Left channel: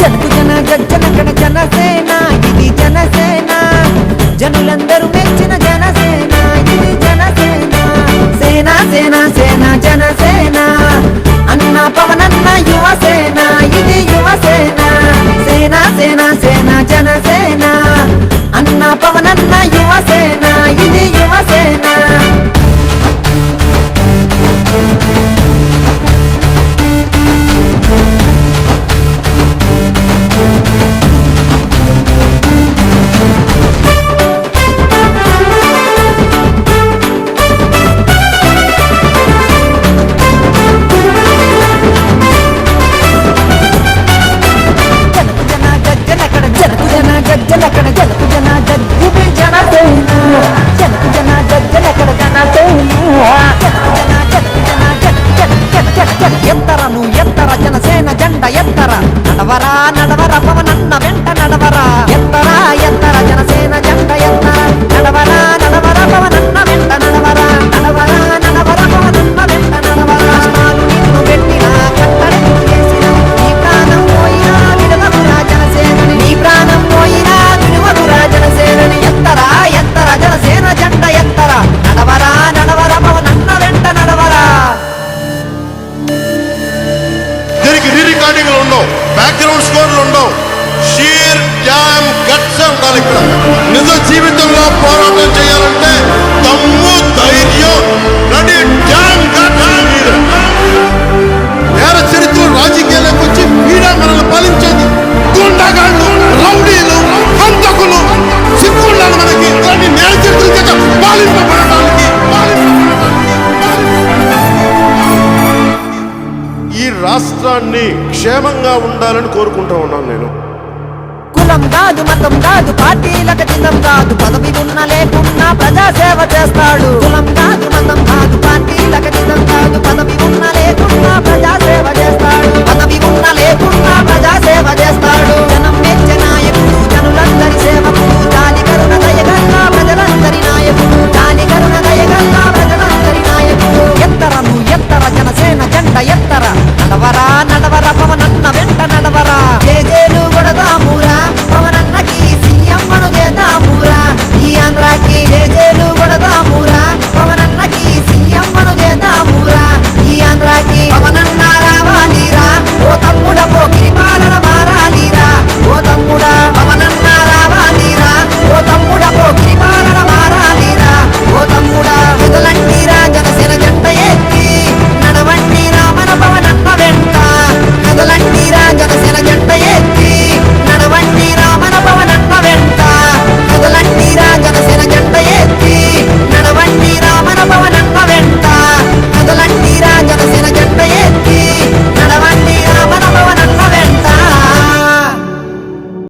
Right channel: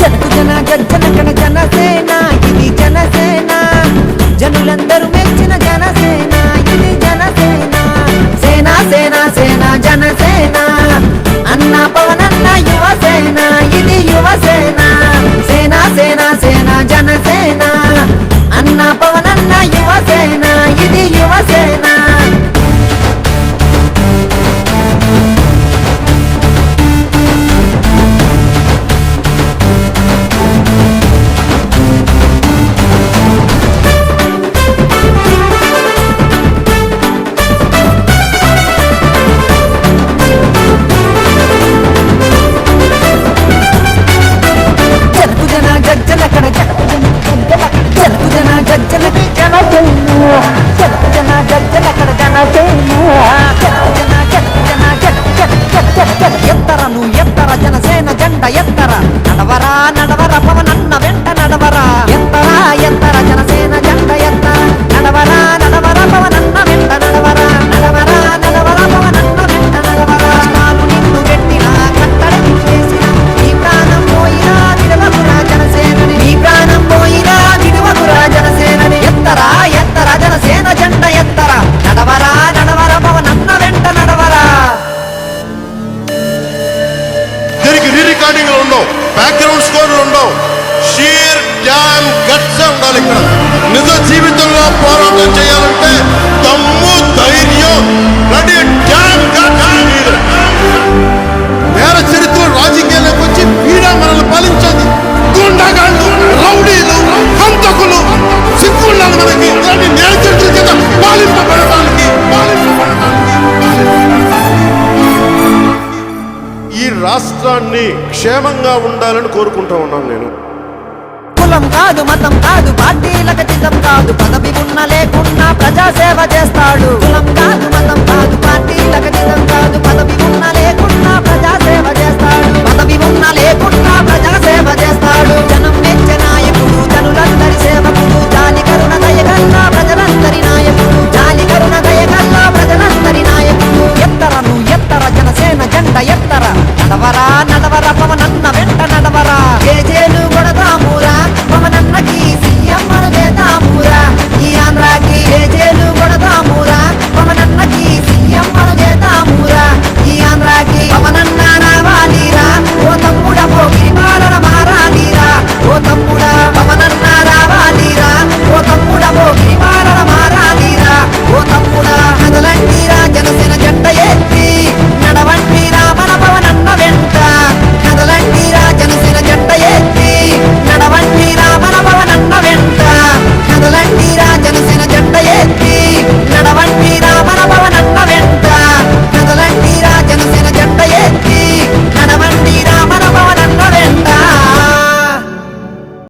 జనకు జన జన జనసేన ఇది జనసేన. జనులందరూ ఎత్తర నువ్వు ఎత్తర జనసేన జెండ ఎత్తర. నడవరా నడవర పవనన్న వెంట నడవరా. ఎత్తరా ఎత్తర జనసేన జెండ ఎత్తర నడవరా నడవర పవనన్న వెంట నడవరా. నడవరా నడవర పవనన్న వెంట నడవరా. కష్టాలు నిన్ను పెట్టిన కట్టడి చేసిన నీ ప్రాణం పోయినా విడవకురా జనసేనని. నీ ప్రాణం పోయినా విడవకురా జనసేనని. ఎత్తరా ఎత్తర జనసేన జెండ ఎత్తర. నడవరా నడవర పవనన్న వెంట నడవరా. దీనికి రీ రికార్డింగ్లు ఉండవు బ్యాక్గ్రౌండ్ స్కోర్లు ఉండవు. షీర్ డ్యామ్ గట్స్ ఉండాలి ఇక్కడ. నిజ జీవితంలో పోరాటం చేయాలంటే దమ్ము ధైర్యం రెడీ డ్యామ్ నేర చరిత్ర రాజకీయాలకు వచ్చి వీడా మనల్ని పాలించేది గుండాగాళ్ళు రౌడీలు హంతకులు సిగ్గుండాలి మనకి. ఇలాంటి నేర చరిత్ర చేత పాలింపబడటానికి రాష్ట్రాన్ని క్షేమంగా ఉండాలని కోరుకుంటా ఉన్నాను నేను. కులం కాదు మతం కాదు పార్టీలకు చిత్తం కాదు. పదవి ఉన్న లేకుండా ప్రజాసేవ చేస్తాడు. కులం కాదు మంగ జేజేలు కొడదాము